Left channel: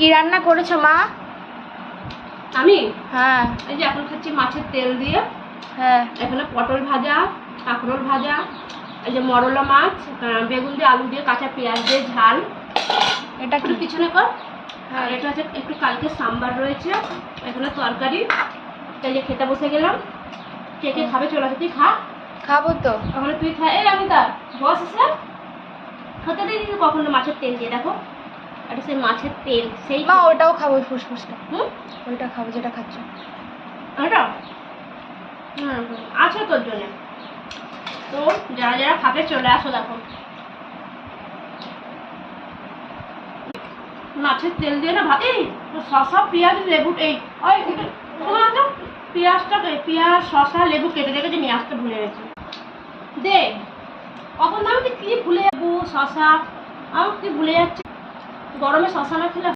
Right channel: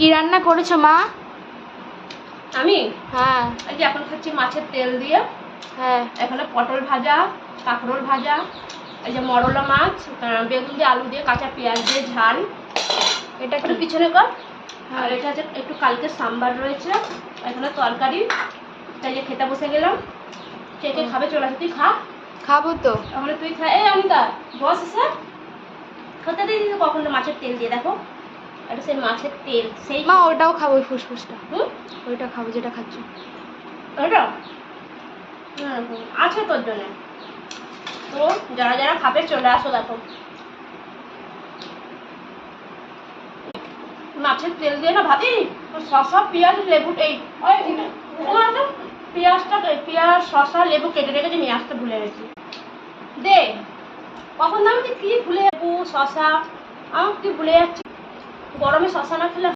কি রান্না করেছো মা? আমি হ্যাঁ। এই যে এখন খাচ্ছি মাছের তেল দিয়ে। হ্যাঁ। এখানে পটল ভাজা, কাঁকরোল ভাজা, এই যে মরলা মাছ, বেগুন দিয়ে আলু দিয়ে কাঁচা পেঁয়াজ দিয়ে ঝাল। এটা একটু কি? পিছনে কর। হ্যাঁ। আর এটা হচ্ছে একটু কালকে সাম্বার রয়েছে, এখানে তরকারি। তাই যে খেতে বসে গেলাম। কে কে খাবে চলে আসে, তুই খা। খাবো তো। তাহলে তুই খা। এই অনিতা বস এসে খেতে দিয়ে দিতে কখন মাছের তেল দিয়ে দেখো। এটা সেই মাছের তেল সেই মা ওটাও খাবো, ওই ফুসফুসটা। হুম ওইটা খাবো যেটা খাচ্ছ। ওটা আছে তোর জন্য। তো যারা যারা খাবে চলে আসো। দেখো মাছের তেল দিয়ে না ভাত, এই শসা পেঁয়াজ লেবু, এই পেঁয়াজটা পেঁয়াজ শসা লেবু কেটে রেখেছে, নিয়ে আসতে ভুলে গেছি। দে কখন দাম কি ভুলে যাবো, শসা আমার কি ভুলে যাচ্ছে। গরমে শসা না খেলে